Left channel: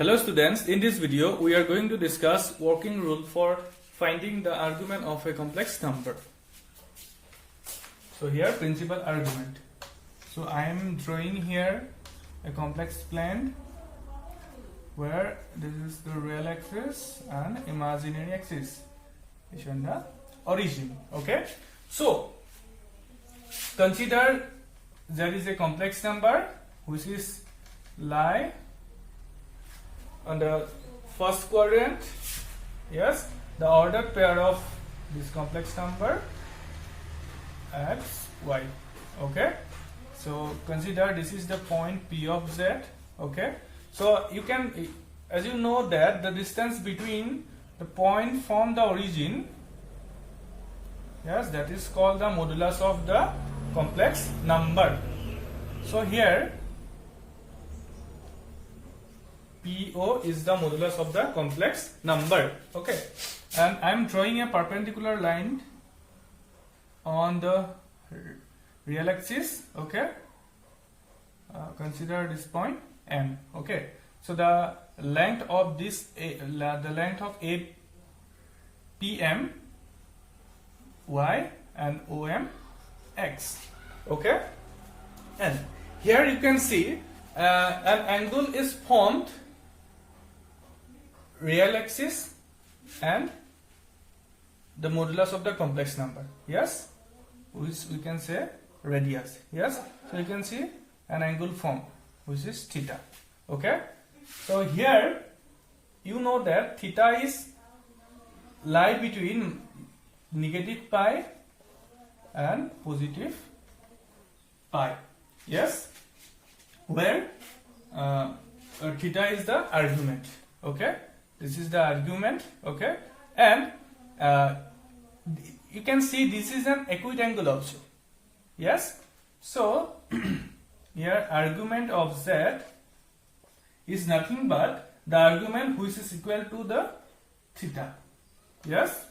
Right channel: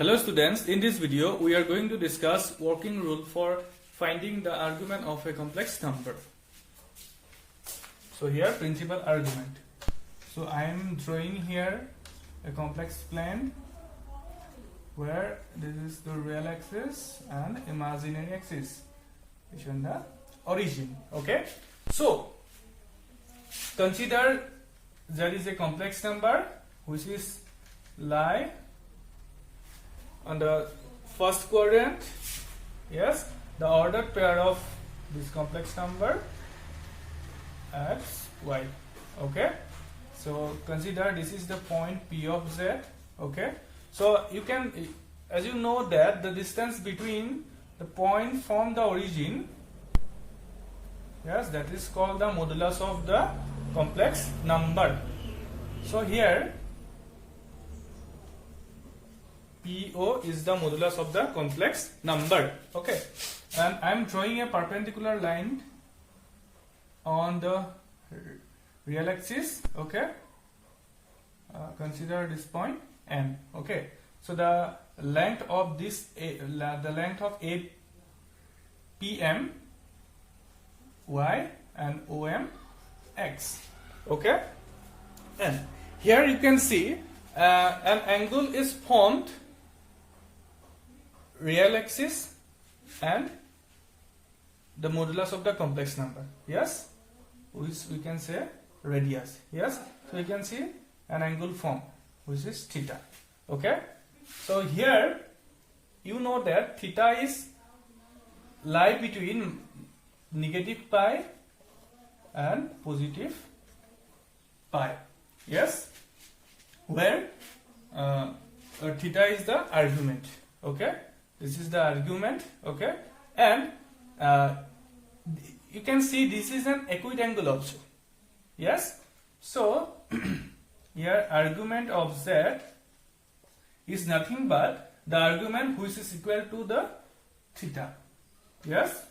Hello students, in this video we are going to discuss working rule for finding the argument of a complex number. So here principal argument. So I am drawing here a complex plane where this is the real axis and imaginary axis is on the origin. Okay, so consider there is a complex number which is lie on the first quadrant. Yes, the ordered pair of this complex number x, y. Okay, so consider this is the point P of z. Okay, so you can, as you know, that the distance between the point from the origin, yes, that is called the modulus of the complex number. So here PO is the modulus of the complex number. Okay, and I am drawing a perpendicular line on the real axis. Okay, consider this point N. Okay, so the length of this the length of PM y and OM x. Okay, and here you can see an angle is formed real axis and the modulus of the complex number, yes, which we can say radius. Yes, so you can see an angle formed which is theta. Okay, so here you know that theta is lie between negative pi and positive pi. Yes, where theta is the argument. Okay, this is the argument. Okay, and you can see this is an acute angle also. Yes, so here argument of z is nothing but the argument which is equal to the theta. Yes,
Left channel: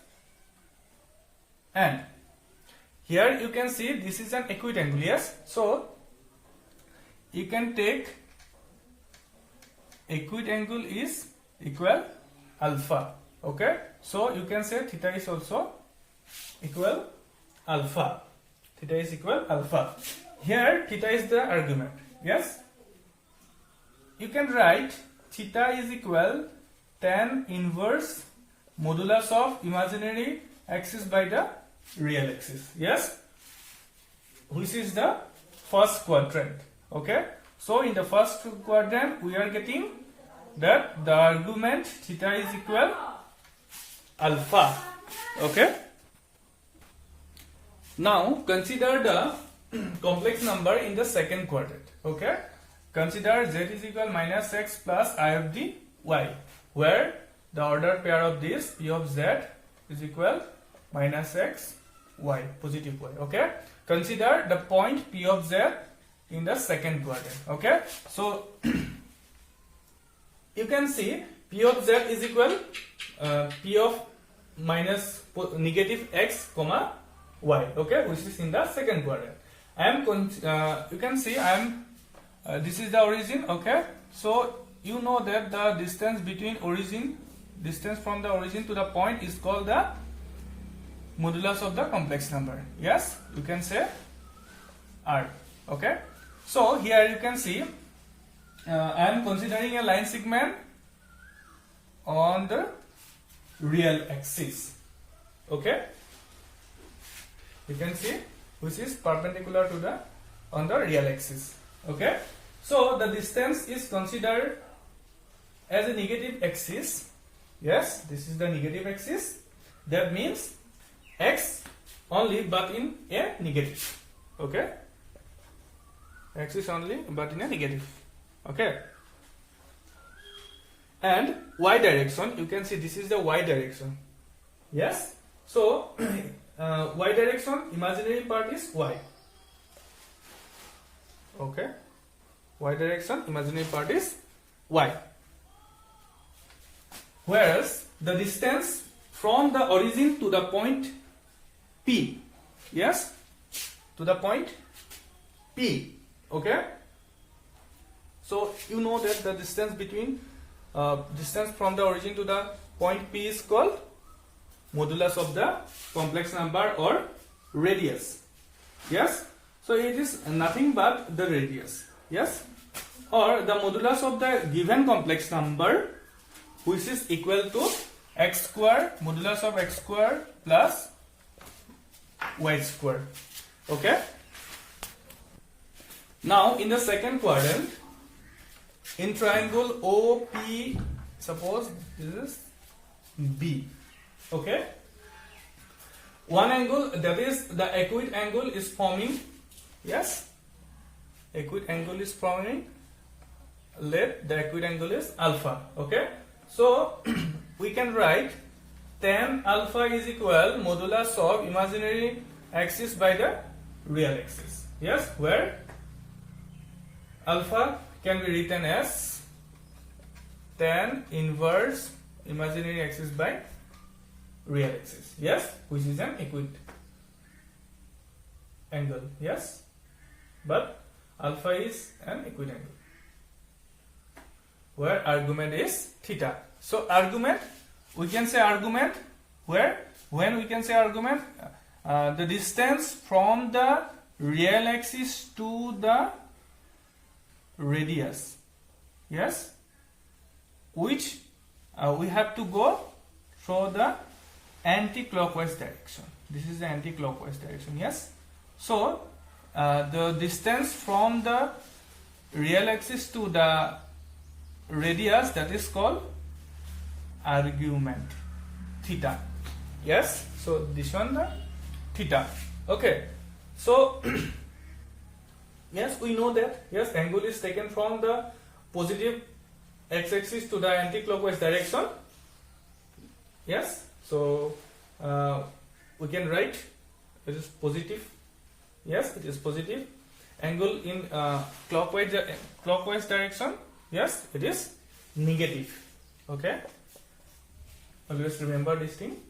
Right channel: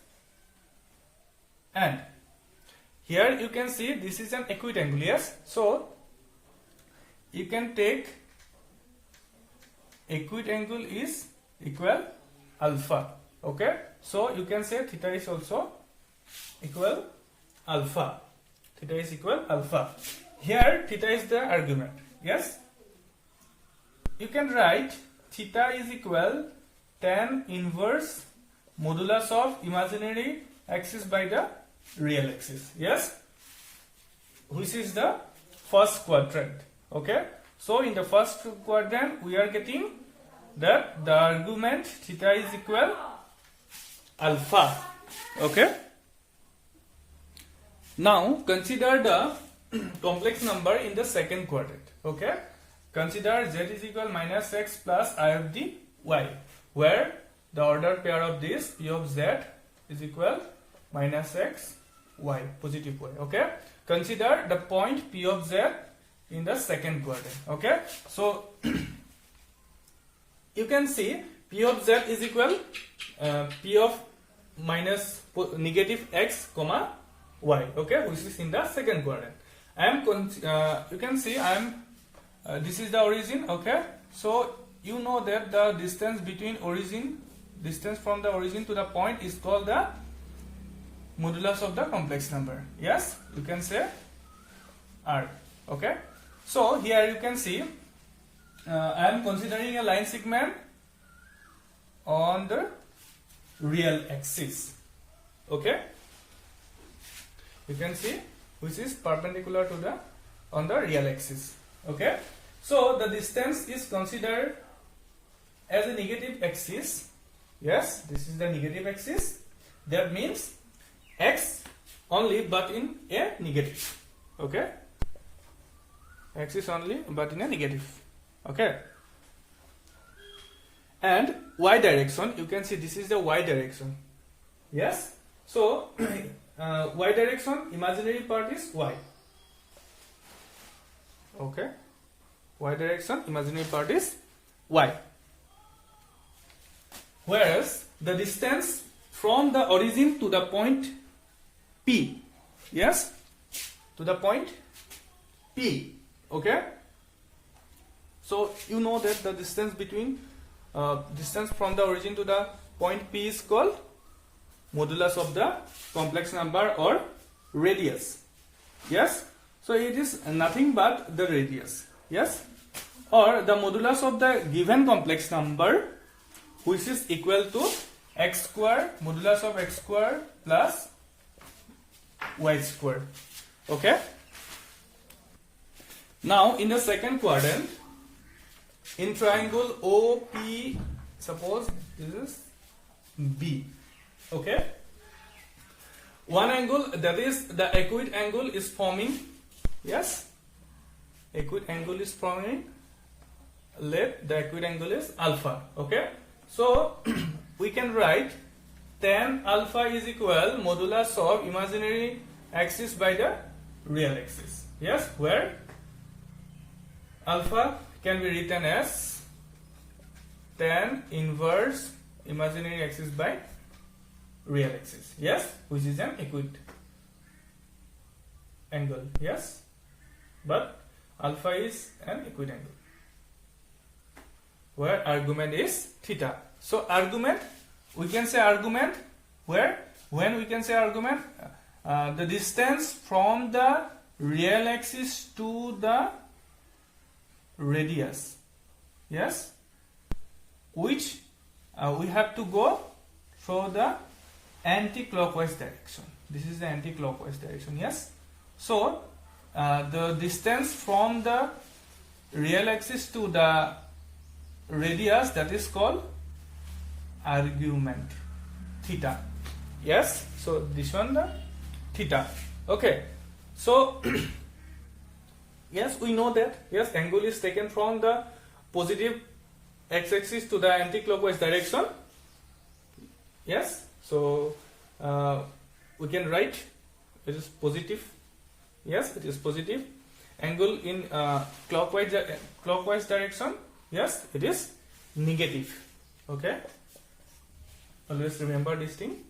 and here you can see this is an acute angle. Yes, so you can take acute angle is equal alpha. Okay, so you can say theta is also equal alpha. Theta is equal alpha. Here theta is the argument. Yes, you can write theta is equal tan inverse modulus of imaginary axis by the real axis. Yes, which is the first quadrant. Okay, so in the first quadrant we are getting that the argument theta is equal alpha. Okay, now consider the complex number in the second quadrant. Okay, consider z is equal minus x plus I of the y, where the ordered pair of this P of z is equal minus x y, positive y. Okay, consider the point P of z in the second quadrant. Okay, so you can see P of z is equal P of minus negative x comma y. Okay, which is in the second quadrant. You can see this is the origin. Okay, so you know that the distance between distance from the origin to the point is called the modulus of the complex number. Yes, you can say R. Okay, so here you can see I am considering a line segment on the real axis. Okay, you can see which is perpendicular to the on the real axis. Okay, so the distance is considered as a negative axis. Yes, this is the negative axis. That means x only but in a negative. Okay, x is only but in a negative. Okay, and y direction, you can see this is the y direction. Yes, so y direction, imaginary part is y. Okay, y direction, imaginary part is y, whereas the distance from the origin to the point P, yes, to the point P. Okay, So you know that the distance between distance from the origin to the point P is called modulus of the complex number or radius. Yes, so it is nothing but the radius. Yes, or the modulus of the given complex number, which is equal to x square, modulus of x square plus y square. Okay. Now in the second quadrant, in triangle OP, suppose this is B. Okay. One angle, that is the acute angle, is forming. Yes. Acute angle is forming. Let the acute angle is alpha. Okay. So we can write tan alpha is equal modulus of imaginary axis by the real axis. Yes, where alpha can be written as tan inverse imaginary axis by real axis. Yes, which is an acute angle. Yes, but alpha is an acute angle where argument is theta. So argument, we can say argument where, when we can say argument, the distance from the real axis to the radius. Yes, which we have to go through the anti-clockwise direction. This is the anti-clockwise direction. Yes, so the distance from the real axis to the radius, that is called argument, theta. Yes, so this one the theta. Okay, so yes, we know that, yes, angle is taken from the positive x-axis to the anti-clockwise direction. Yes, so we can write it is positive. Yes, it is positive. Angle in clockwise direction. Yes, it is negative. Okay, always remember this thing.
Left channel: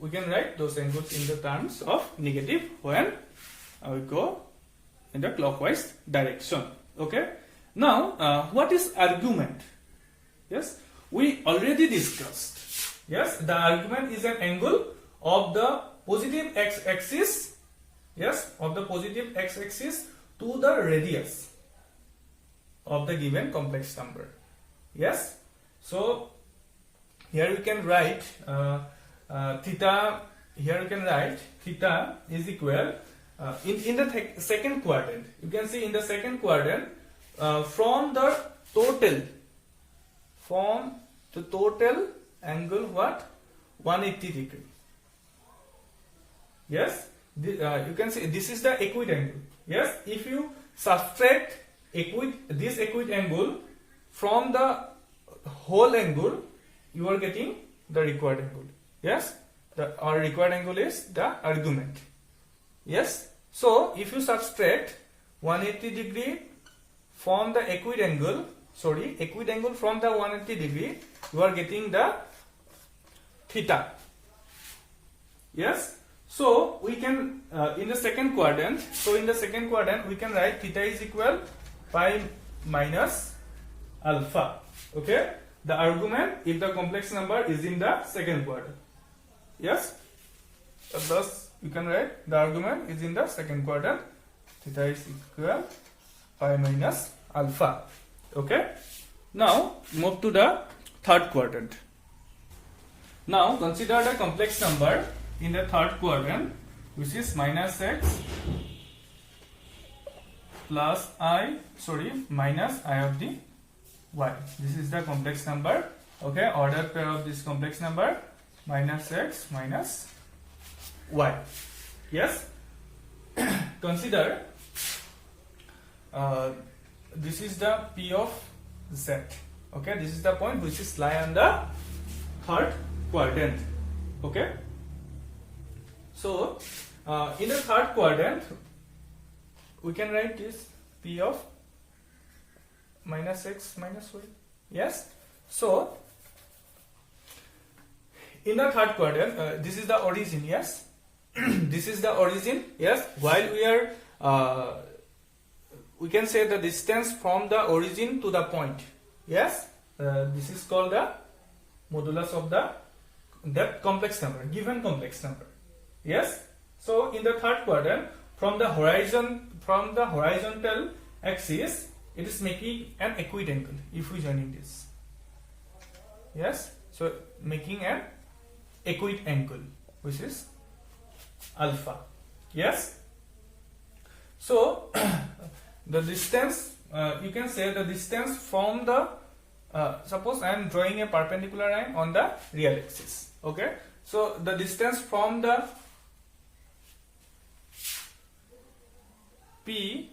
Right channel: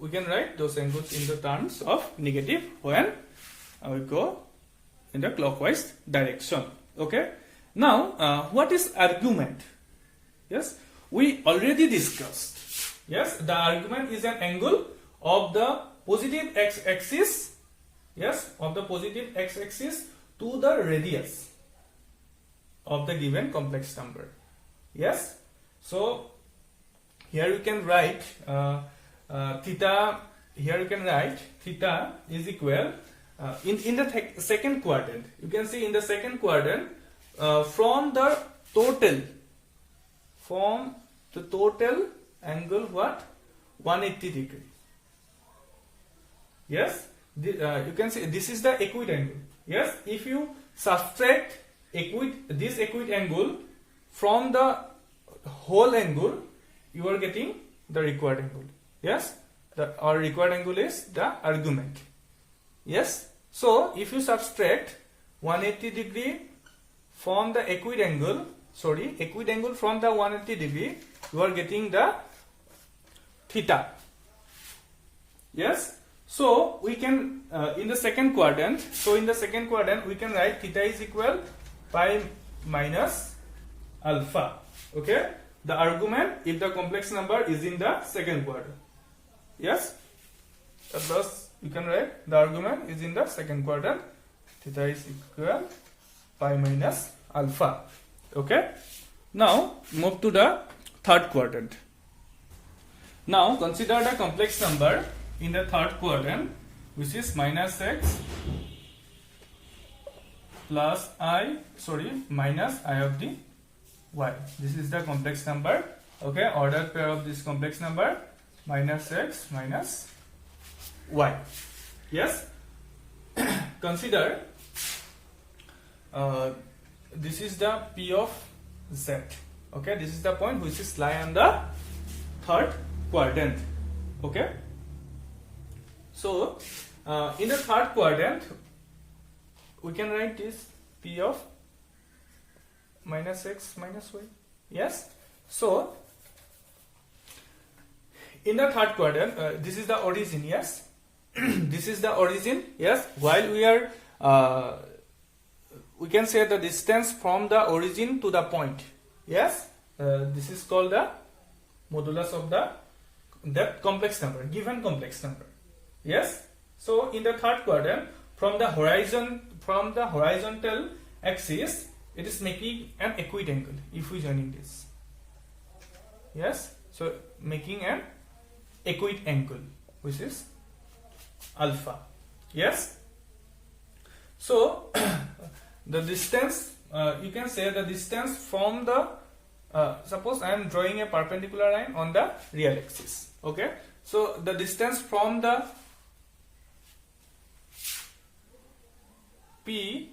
We can write those angles in the terms of negative when we go in the clockwise direction. Okay, now what is argument? Yes, we already discussed. Yes, the argument is an angle of the positive x-axis. Yes, of the positive x-axis to the radius of the given complex number. Yes, so here you can write theta. Here you can write theta is equal in the second quadrant. You can see in the second quadrant from the total angle what 180 degree. Yes, you can see this is the acute angle. Yes, if you subtract this acute angle from the whole angle, you are getting the required angle. Yes, our required angle is the argument. Yes, so if you subtract 180 degree from the acute angle, acute angle from the 180 degree, you are getting the theta. Yes, so we can in the second quadrant. So in the second quadrant, we can write theta is equal pi minus alpha. Okay, the argument if the complex number is in the second quadrant. Yes, thus you can write the argument is in the second quadrant. Theta is equal pi minus alpha. Okay, now move to the third quadrant. Now consider the complex number in the third quadrant, which is minus x plus minus I of the y. This is the complex number. Okay, ordered pair of this complex number, minus x minus y. Yes, consider this is the P of z. Okay, this is the point which is lie on the third quadrant. Okay, so in the third quadrant we can write this P of minus x minus y. Yes, so in the third quadrant, this is the origin. Yes, this is the origin. Yes, while we are we can say the distance from the origin to the point. Yes, this is called the modulus of that complex number, given complex number. Yes. So in the third quadrant, from the horizontal axis, it is making an acute angle. If we join this, yes. So making an acute angle, which is alpha. Yes. So the distance, you can say the distance from the suppose I am drawing a perpendicular line on the real axis. Okay. So the distance from the P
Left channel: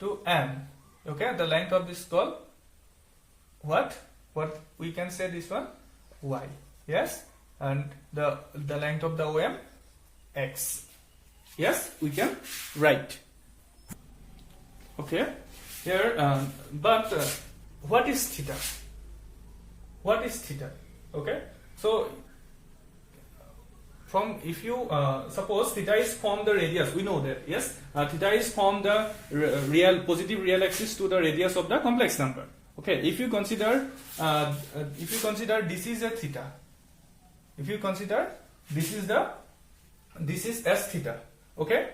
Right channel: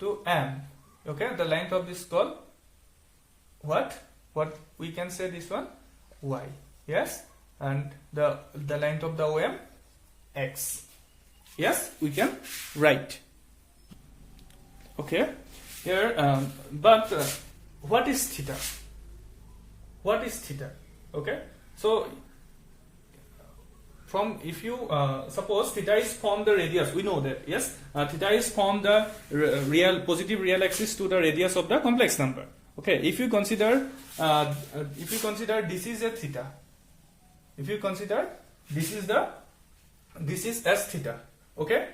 to M. Okay. The length of this called what we can say this one Y. Yes. And the length of the OM X. Yes. We can write. Okay. Here, but what is theta? What is theta? Okay. So from, if you suppose theta is from the radius, we know that, yes, theta is from the positive real axis to the radius of the complex number. Okay. If you consider this is a theta, if you consider this is S theta. Okay.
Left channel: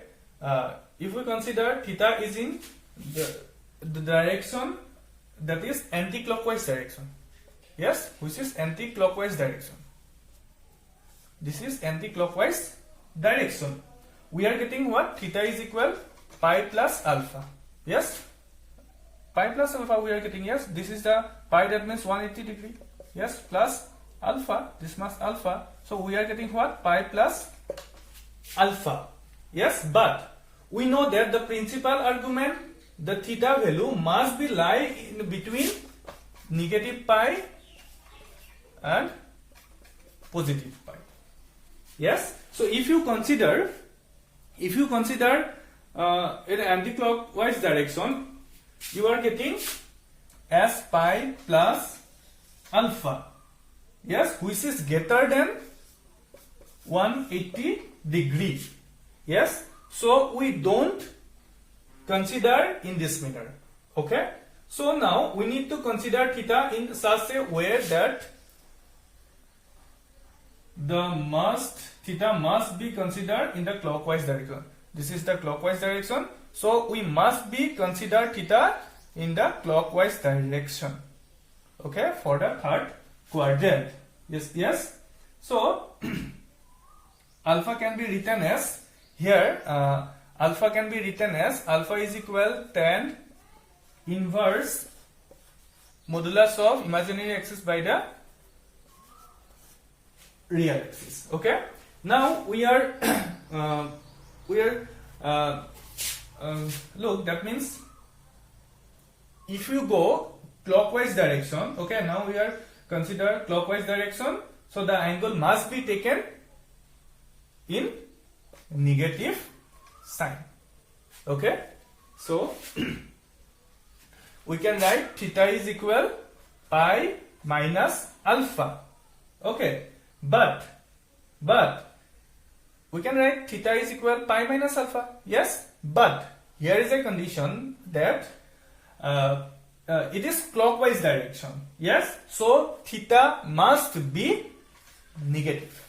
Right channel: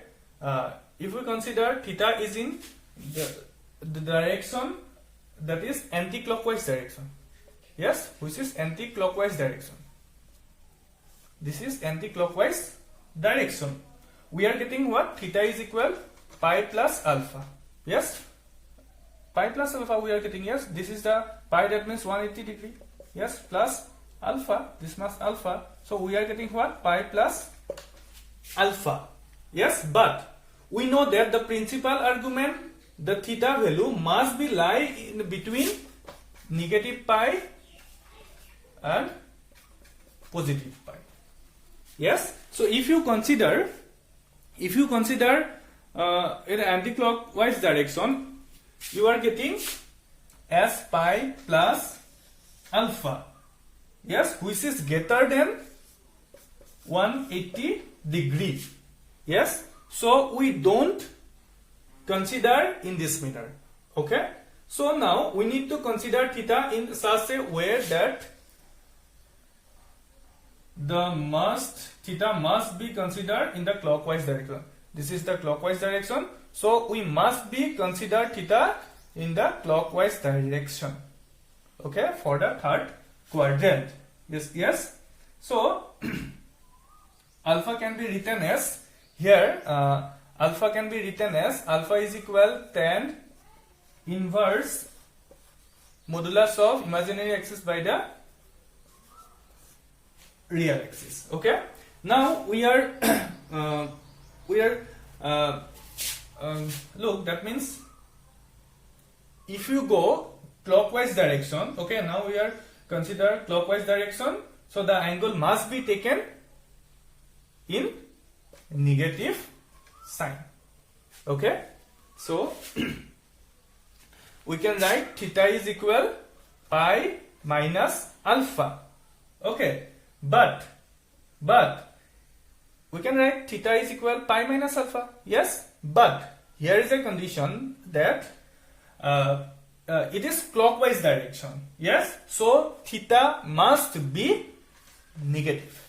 If we consider theta is in the direction that is anti-clockwise direction. Yes, which is anti-clockwise direction. This is anti-clockwise direction. We are getting what? Theta is equal pi plus alpha. Yes, pi plus alpha we are getting. Yes, this is the pi, that means 180 degree. Yes, plus alpha, this must alpha. So we are getting what? Pi plus alpha. Yes, but we know that the principal argument, the theta value must be lie in between negative pi and positive pi. Yes. So if you consider in anti-clockwise direction, you are getting S pi plus alpha. Yes, which is greater than 180 degree. Yes. So we don't consider in this manner. Okay. So now we need to consider theta in such a way that theta must be considered in the clockwise direction. This is the clockwise direction. So we must be consider theta in the clockwise direction. Okay, for the third quadrant. Yes. So alpha can be written as here. Alpha can be written as alpha is equal tan inverse modulus of imaginary axis by the real axis. Okay. Now we are look, that means if you go clockwise direction, okay, now we are consider clockwise direction, so the angle must be taken in negative sign. Okay. So we can write theta is equal pi minus alpha. Okay. But we can write theta is equal pi minus alpha. Yes. But here is a condition that it is clockwise direction. Yes. So theta must be negative.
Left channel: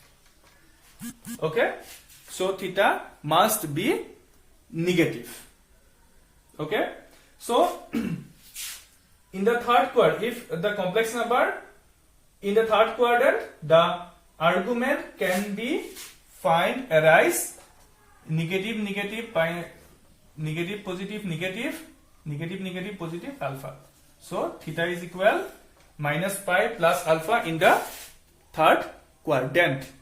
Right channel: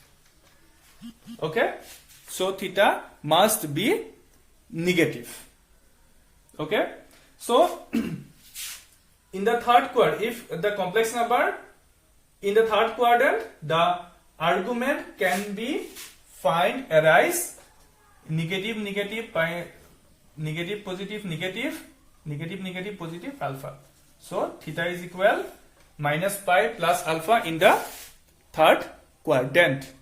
Okay. So theta must be negative. Okay. So in the third quadrant, if the complex number in the third quadrant, the argument can be arise negative negative pi, negative positive negative, negative negative positive alpha. So theta is equal minus pi plus alpha in the third quadrant.